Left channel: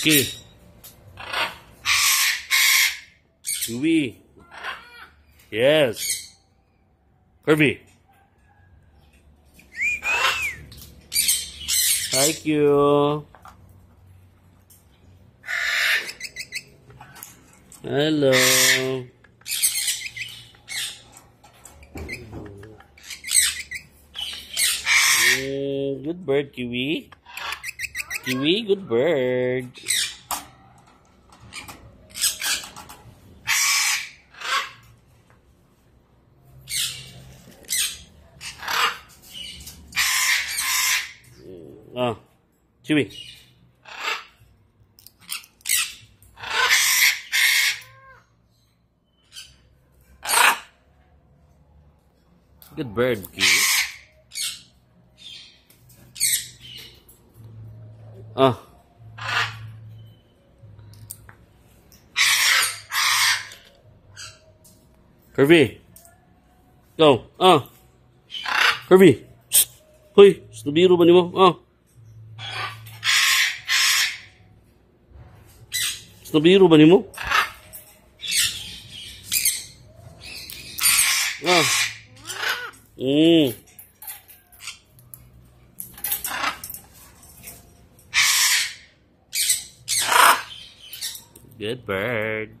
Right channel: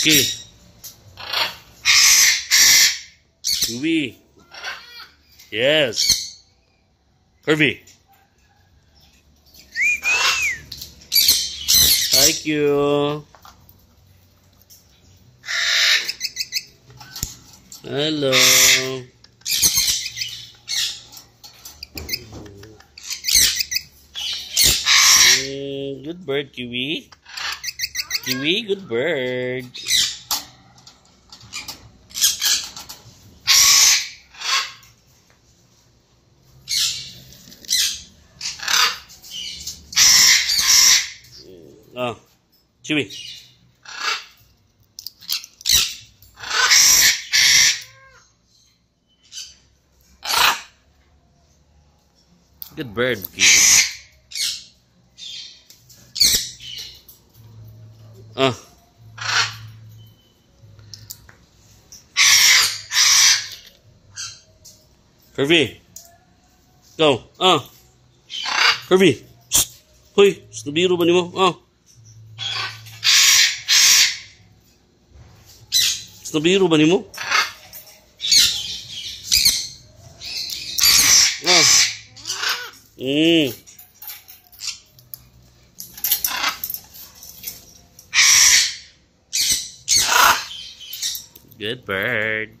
Okay. Chewy. Yes. Kirby. Thank you. Hello. Good bird, Kiwi. Kiwi, good bird. Oh, Chewy. Good bird, Kiwi. Oh. Kirby. Go. Oh. Kirby. Hoy, nabiro ba nimo? Oh. Nabiro ba nimo? Oh. Good bird.